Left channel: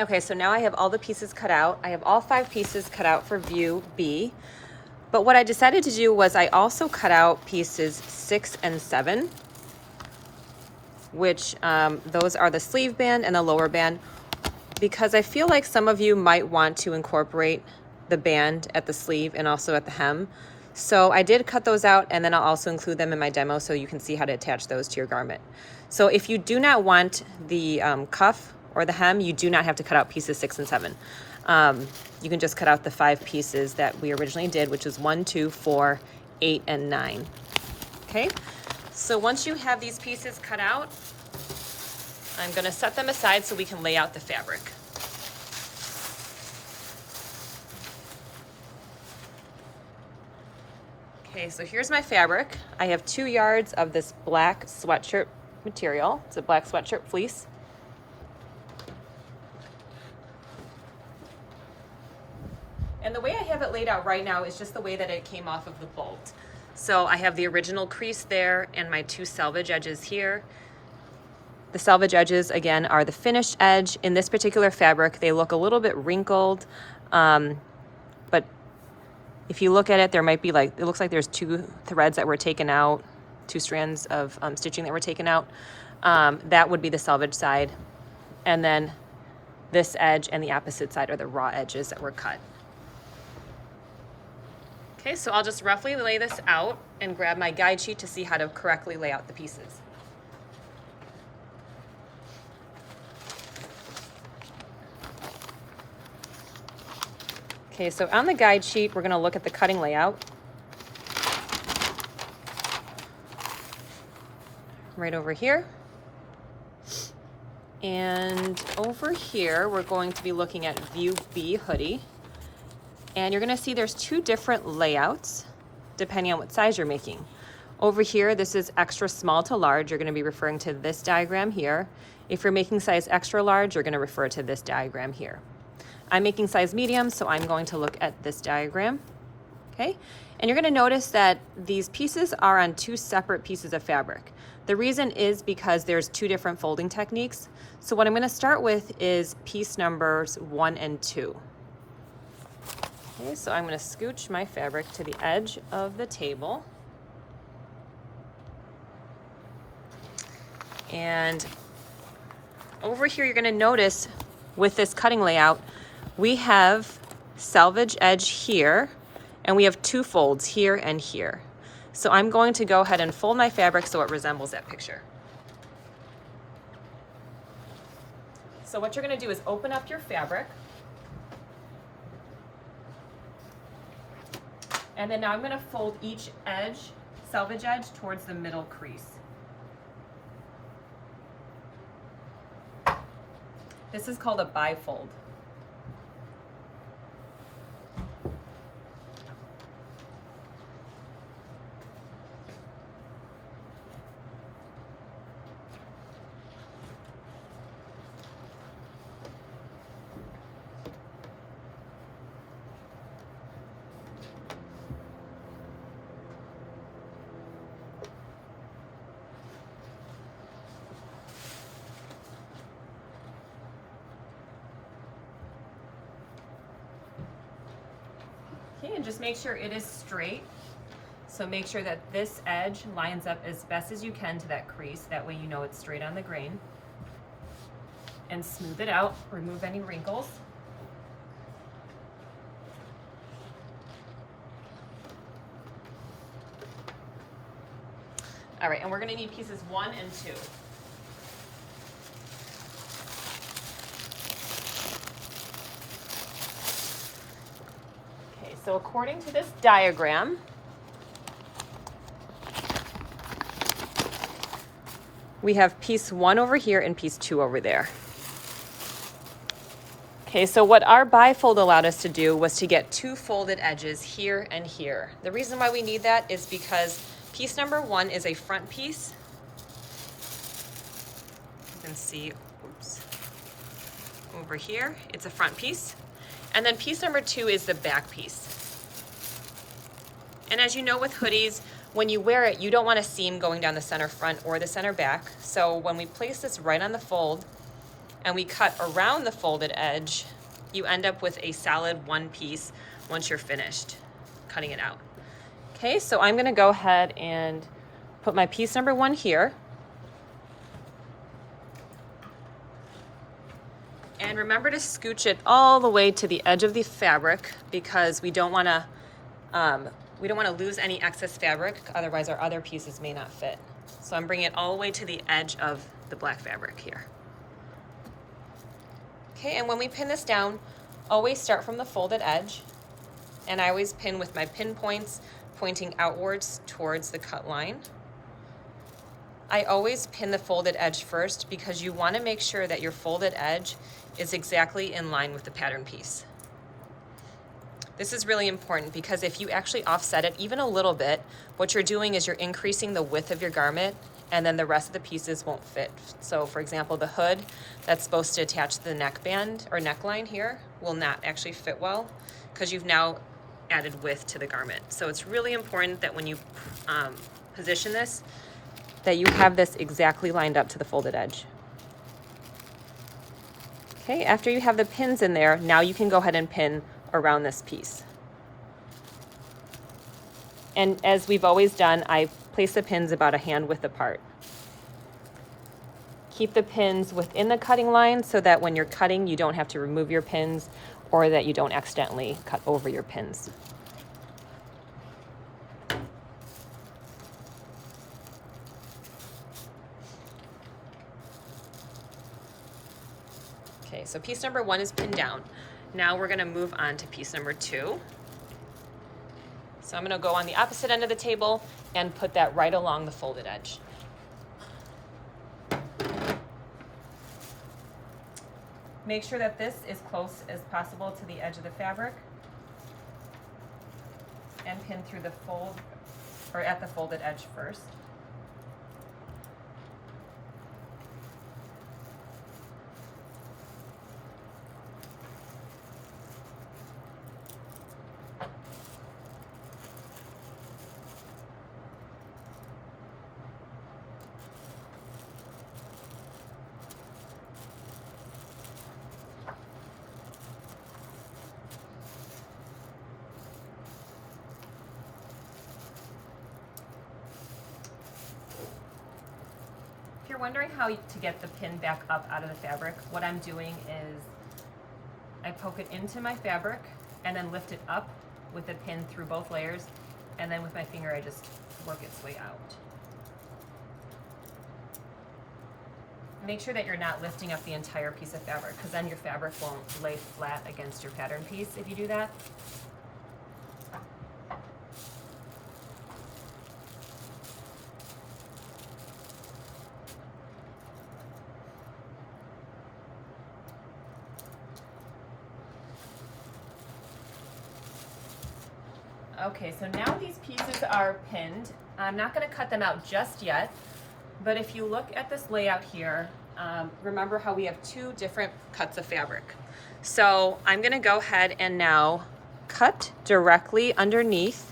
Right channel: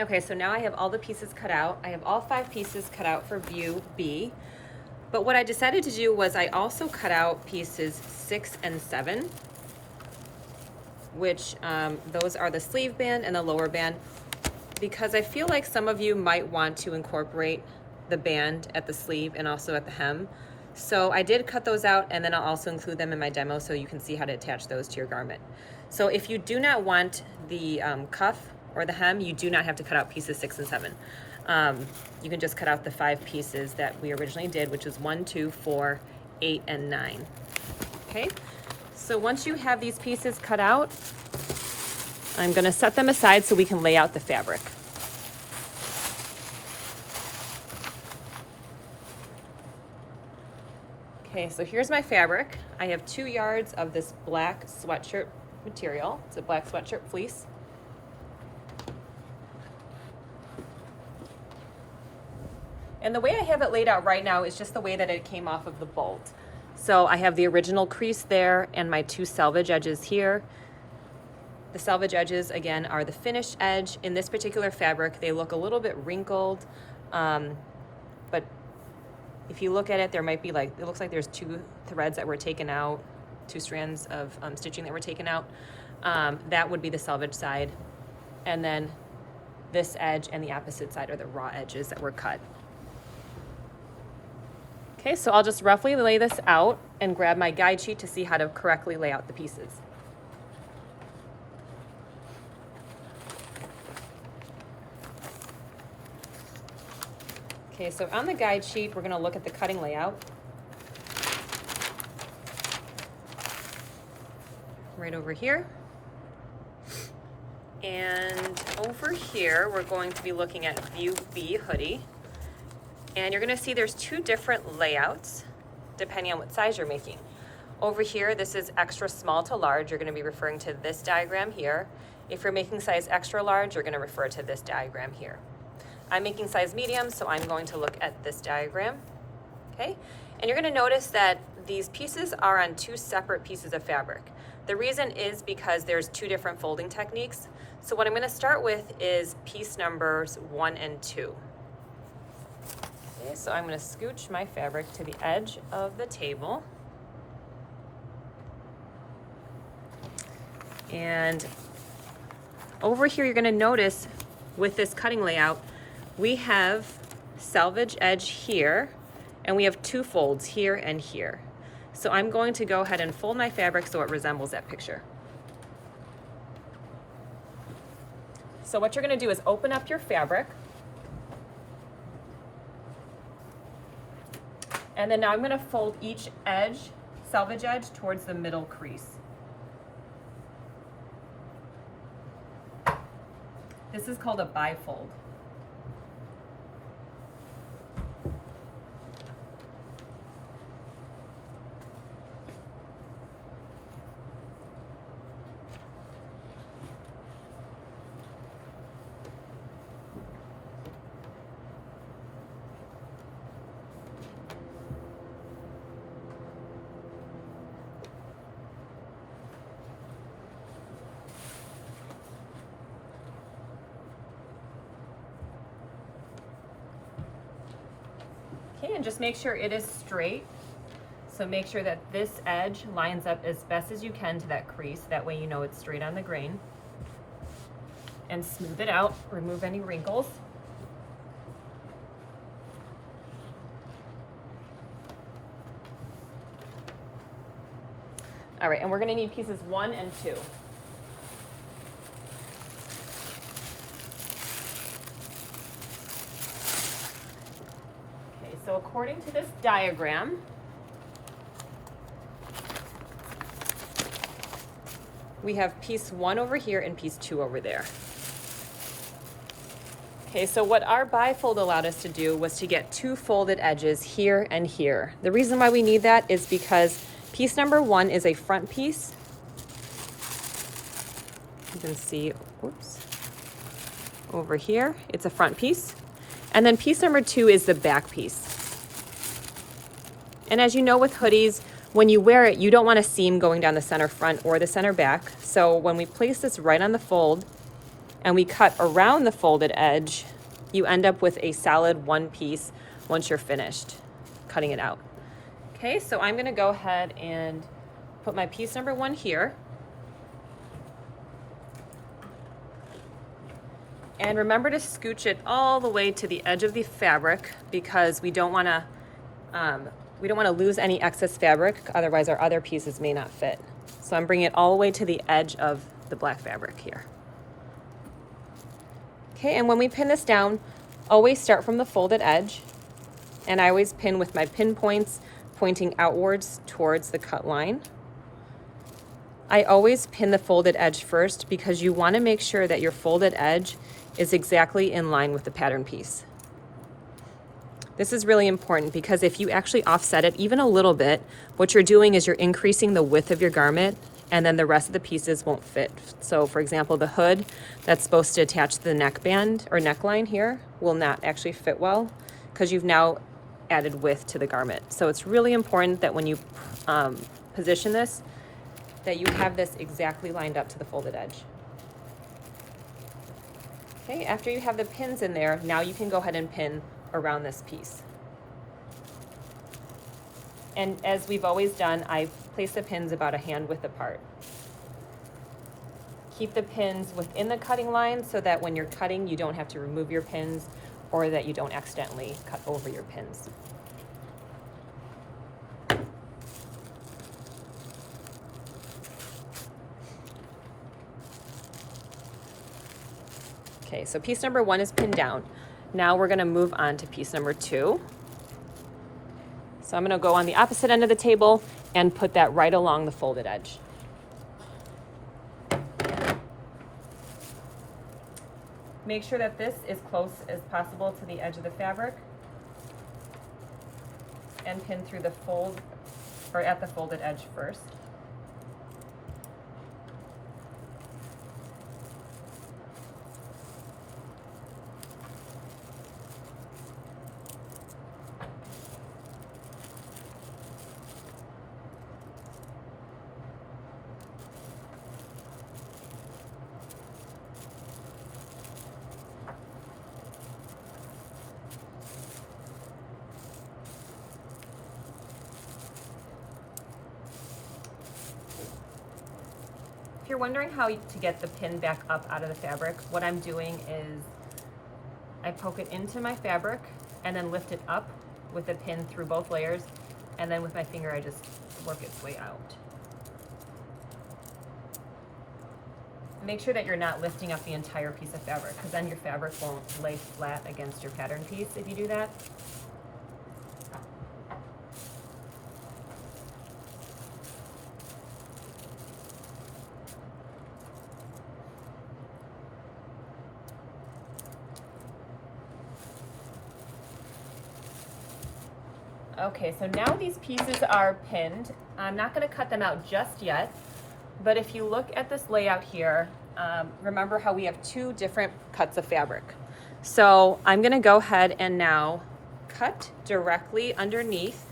Okay, so now I have all the pieces cut out. I have all 5 pieces cut out for view B. But what I decided to do was I also cut out pieces 6 and 7, which those are the sleeve band and the lower band, because I feel like some of you might want to incorporate the band at the sleeve and also at the hem. So I did cut those out, and then I'll also include them in my demo so you can see how to attach those to your garment. So if you do not want the cuff or the hem, you do not have to cut out pieces 6 and 7. You can just cut out the 5 pieces that we originally did, which is 1, 2, 4, 8, and 9. Okay, so once you have these pieces cut out, I'm going to set them aside so we can lay out the fabric. Okay, so here's my fabric. I have 2 yards of this black sweatshirt material. It's a black sweatshirt fleece. And the way I have it laid out right now is just the way that it came off of the bolt. So I have the original crease there and my 2 selvage edges here. The selvage edges, again, are the finished edge. In this particular fabric, they look a little bit wrinkled, but if you look at it, there might be like, it looks like there's 2 threads that were taken out, 2 strands of stitching that were taken out. That would be the selvage side. And then this edge and the opposite side are the raw edges that were cut. Okay, so I'll just roughly lay this out and grab my guide sheet to see how to correctly lay out the pieces. Okay, so on the guide sheet, we're going to look at the cutting layout. Right over here. And over here, we're going to be looking at view B hoodie. And you're going to see there's 2 different layouts depending on what size you're making. Over here, this is extra small to large. You're going to be referring to this diagram here. If you're making size extra large, you're going to refer to this diagram here. I'm making size medium, so I'm going to look at this diagram. Okay, and you're going to notice that these pieces are on 2 separate pieces of fabric. The reason is because there's 2 different folding techniques. So what I'm going to start with is piece numbers 1 and 2. Okay, so I'm going to scooch my fabric to the edge of the table. And over here, you're going to notice with this cutting layout, we have selvage edge here, and we have 2 folds here and here. So I'm going to go ahead and fold my fabric so it resembles that picture. So what you're going to do is open up your fabric. And then now I'm going to fold each edge, selvage edge, towards the middle crease. This is called a bifold. Okay, and just make sure it is straight. So make sure that this edge lines up as best as you can to that crease. That way you know it's straight on the grain. And smooth it out, remove any wrinkles. All right, and we're gonna need pieces 1 and 2. So according to this diagram, we have piece 1 over here and piece 2 over there. Okay, so what our bifold allowed us to do was to get 2 folded edges here and here. The reason why we need that is because piece number 1 is a front piece. You can see, oops, over here, it's a front piece. And then piece number 2 is the back piece. And as you know with hoodies, when you wear it, you don't want a seam going down the center front or the center back. So when we place this right on the fold, and we cut around the folded edge, you end up with a solid one piece once you're finished cutting it out. Okay, so I'm gonna go ahead and put my piece number 1 here. And remember to scooch it all the way to the edge of the fabric, because we don't wanna lose any excess fabric, otherwise our other pieces may not fit. So I'm bringing it all the way to the edge of the black fabric here. Okay, and when we pin this down, always start from the folded edge, and I always pin with my pin points pointing outwards towards the cut line. I always pin the folded edge first because you want to make sure that your folded edge is exactly in line with the pattern piece. This is really important because if you actually offset it even a little bit, what you're doing is you're increasing the width of your garment, and then the rest of the pieces won't fit. So for example, the hood that's supposed to attach to the neckband or neckline here will not actually fit well because you've now added width to the garment. So it's really important that when you position this, that you have this exactly lined up to the folded edge. Okay, after you have the pins in there, now you can go ahead and pin around this piece. And as we've always done, I place the pins about a hand width apart. Keep the pins within the cutting line so that when you're cutting, you don't have to remove your pins or that you don't accidentally cut over your pins. Okay, so piece number 1 is pinned down. Now we're gonna move on to piece number 2. So I'm gonna go on the opposite end of the table and put that right along the folded edge. Make sure that this is close as possible to the edge of the fabric and pin through the fold, or at the folded edge first. If you're wondering how to get the pin back up out of the fabric, what I'm doing is I poke it into my fabric and then lift it up with the pin through both layers, and then with my finger I just work its way out. Make sure that you're not lifting up the entire piece of fabric, because then your fabric won't lay flat against your pattern piece if you do that. Okay, so now these pieces are pinned. I'm not going to cut them out just yet, but if you look at this layout here, remember how we have 2 different cuts of fabric. So I'm going to go ahead and now cut directly underneath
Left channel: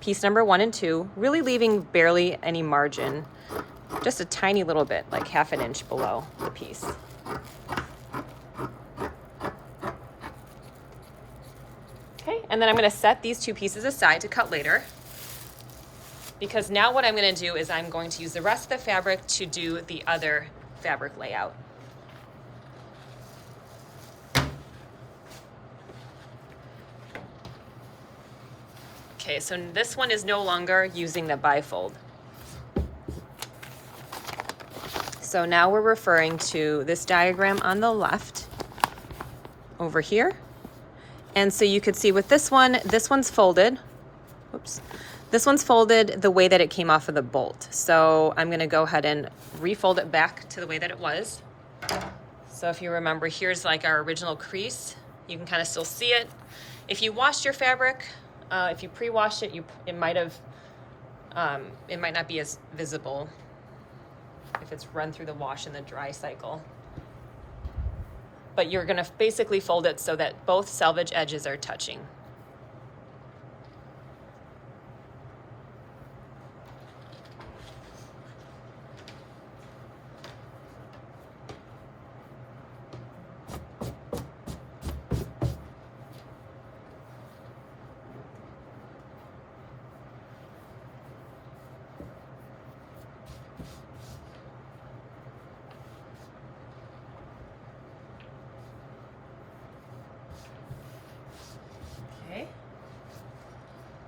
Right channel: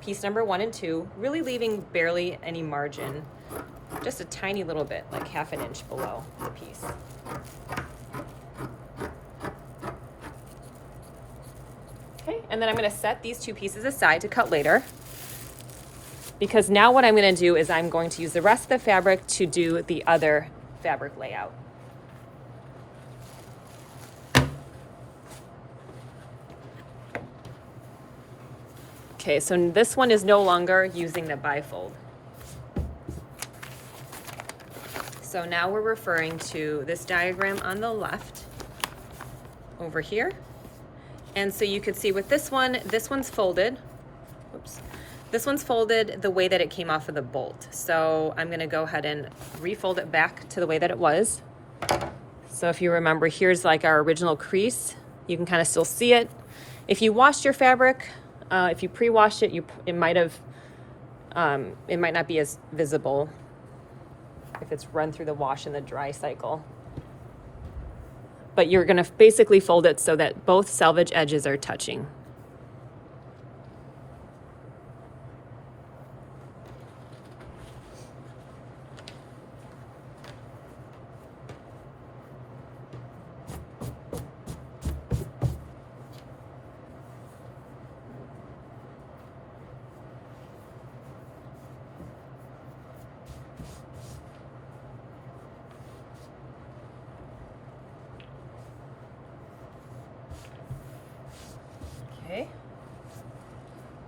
piece number 1 and 2, really leaving barely any margin, just a tiny little bit, like ½ an inch below the piece. Okay, and then I'm going to set these 2 pieces aside to cut later, because now what I'm going to do is I'm going to use the rest of the fabric to do the other fabric layout. Okay, so this one is no longer using the bifold. So now we're referring to this diagram on the left over here. And so you could see with this one's folded. Oops. This one's folded the way that it came off of the bolt. So I'm gonna go ahead and refold it back to the way that it was. So if you remember, here's like our original crease. You can kind of still see it. If you washed your fabric, if you pre-washed it, it might not be as visible if it's run through the wash and the dry cycle. But you're gonna basically fold it so that both selvage edges are touching. Okay.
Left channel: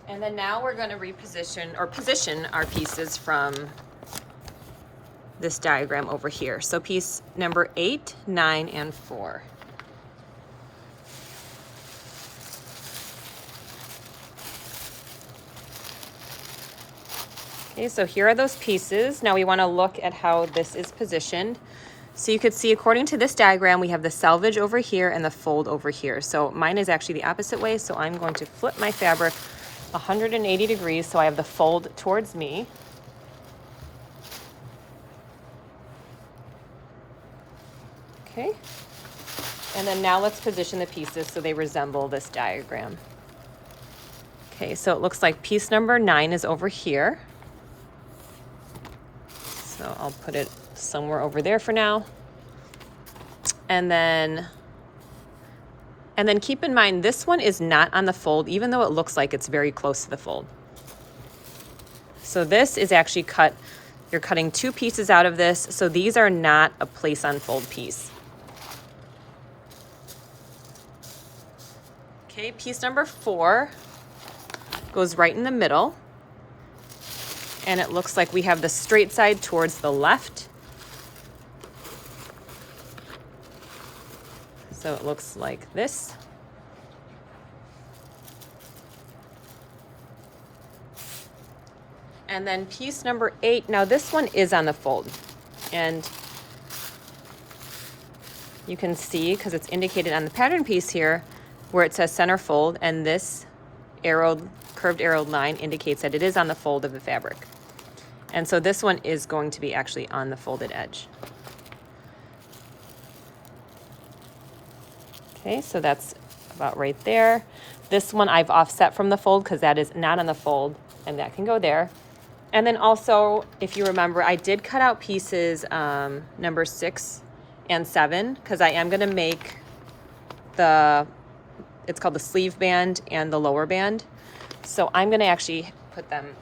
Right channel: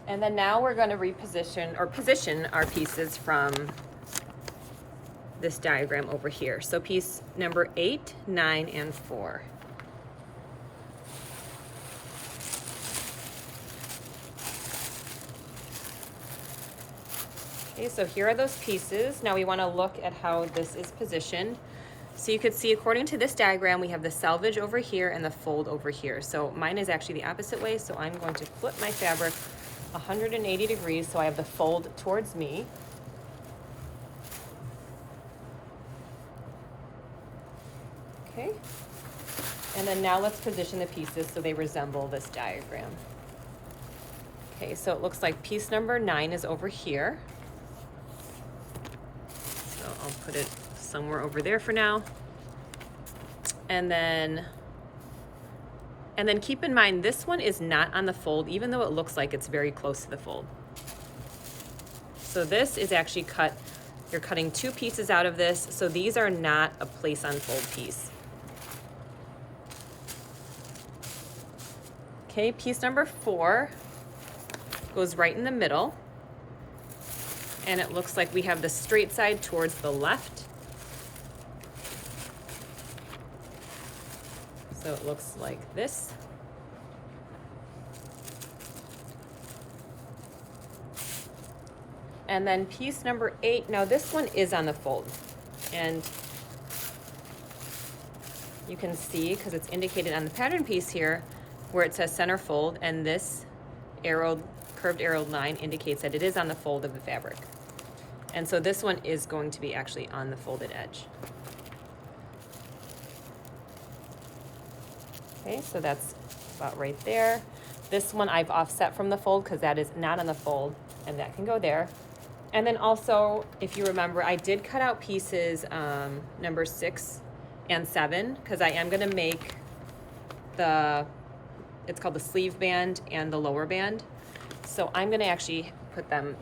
And then now we're going to reposition or position our pieces from this diagram over here. So piece number 8, 9, and 4. Okay, so here are those pieces. Now we want to look at how this is positioned. So you could see, according to this diagram, we have the selvage over here and the fold over here. So mine is actually the opposite way, so I'm going to flip my fabric 180 degrees so I have the fold towards me. Okay, and then now let's position the pieces so they resemble this diagram. Okay, so it looks like piece number 9 is over here. So I'll put it somewhere over there for now. And then keep in mind, this one is not on the fold, even though it looks like it's very close to the fold. So this is actually cut, you're cutting 2 pieces out of this, so these are not a place on fold piece. Okay, piece number 4 goes right in the middle, and it looks like we have the straight side towards the left. So it looks like this. And then piece number 8, now this one is on the fold. And you can see, because it's indicated on the pattern piece here, where it says center fold, and this curved arrowed line indicates that it is on the fold of the fabric. And so this one is going to be actually on the folded edge. Okay, so that's about right there. This one I've offset from the fold because that is not on the fold, and that can go there. And then also, if you remember, I did cut out pieces number 6 and 7 because I am going to make it's called the sleeve band and the lower band. So I'm going to actually put them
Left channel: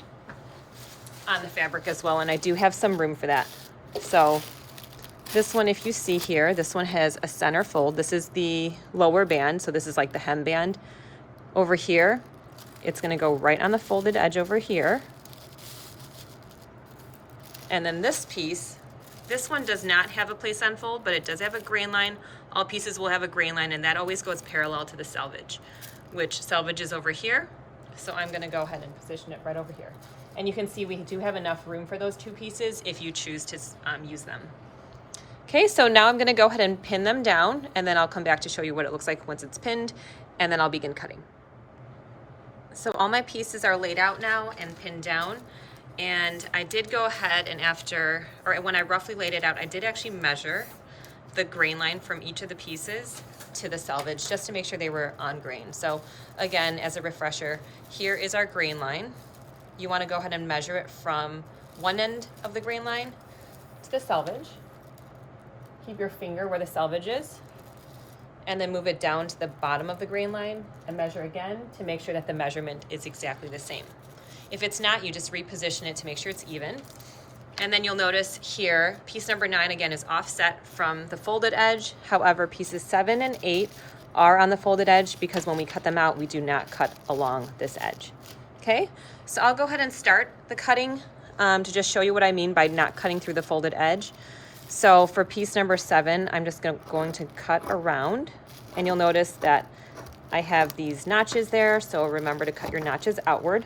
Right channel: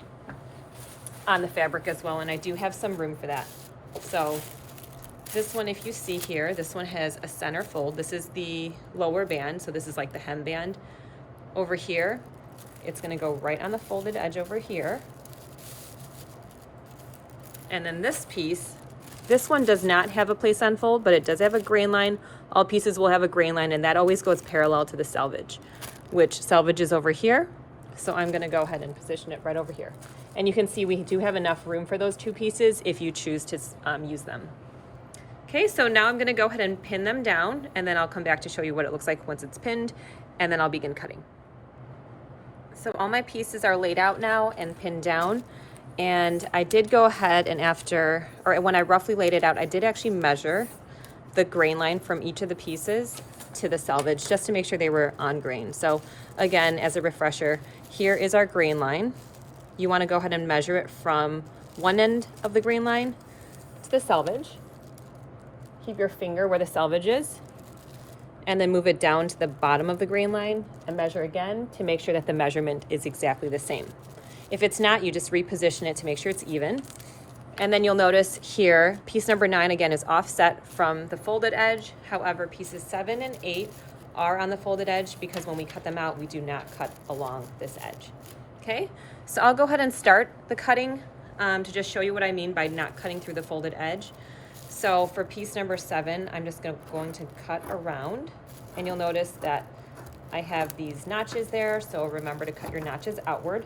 on the fabric as well, and I do have some room for that. So this one, if you see here, this one has a center fold. This is the lower band, so this is like the hem band. Over here, it's going to go right on the folded edge over here. And then this piece, this one does not have a place on fold, but it does have a grain line. All pieces will have a grain line, and that always goes parallel to the selvage, which selvage is over here. So I'm going to go ahead and position it right over here. And you can see we do have enough room for those 2 pieces if you choose to use them. Okay, so now I'm going to go ahead and pin them down, and then I'll come back to show you what it looks like once it's pinned, and then I'll begin cutting. So all my pieces are laid out now and pinned down, and I did go ahead and when I roughly laid it out, I did actually measure the grain line from each of the pieces to the selvage just to make sure they were on grain. So again, as a refresher, here is our grain line. You want to go ahead and measure it from one end of the grain line to the selvage. Keep your finger where the selvage is, and then move it down to the bottom of the grain line and measure again to make sure that the measurement is exactly the same. If it's not, you just reposition it to make sure it's even. And then you'll notice here, piece number 9 again is offset from the folded edge. However, pieces 7 and 8 are on the folded edge because when we cut them out, we do not cut along this edge. Okay, so I'll go ahead and start the cutting to just show you what I mean by not cutting through the folded edge. So for piece number 7, I'm just going to cut around, and you'll notice that I have these notches there, so remember to cut your notches outward.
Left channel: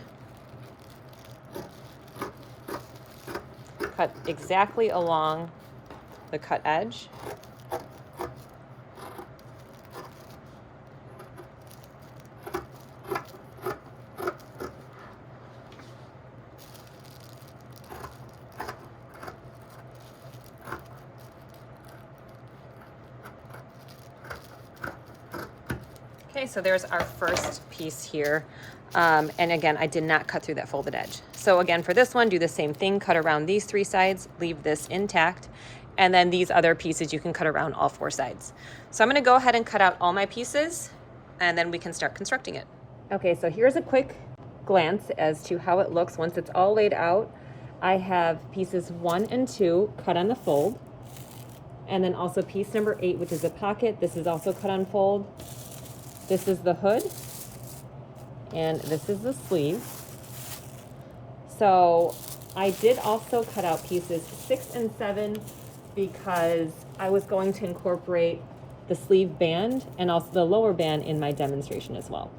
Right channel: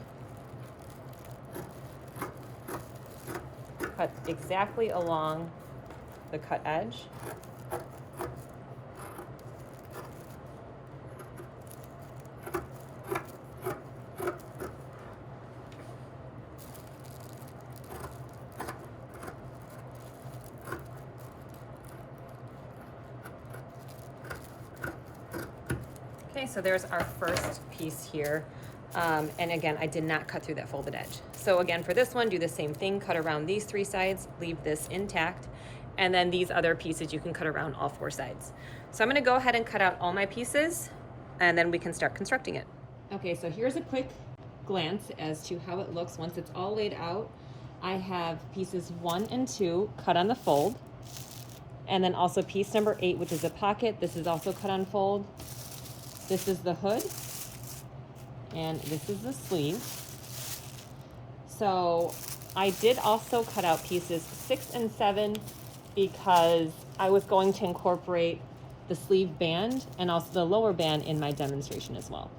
Cut exactly along the cut edge. Okay, so there's our first piece here. And again, I did not cut through that folded edge. So again, for this one, do the same thing, cut around these 3 sides, leave this intact, and then these other pieces you can cut around all 4 sides. So I'm gonna go ahead and cut out all my pieces, and then we can start constructing it. Okay, so here's a quick glance as to how it looks once it's all laid out. I have pieces 1 and 2 cut on the fold, and then also piece number 8, which is a pocket. This is also cut on fold. This is the hood, And this is the sleeve. So I did also cut out pieces 6 and 7 because I was going to incorporate the sleeve band and also the lower band in my demonstration as well.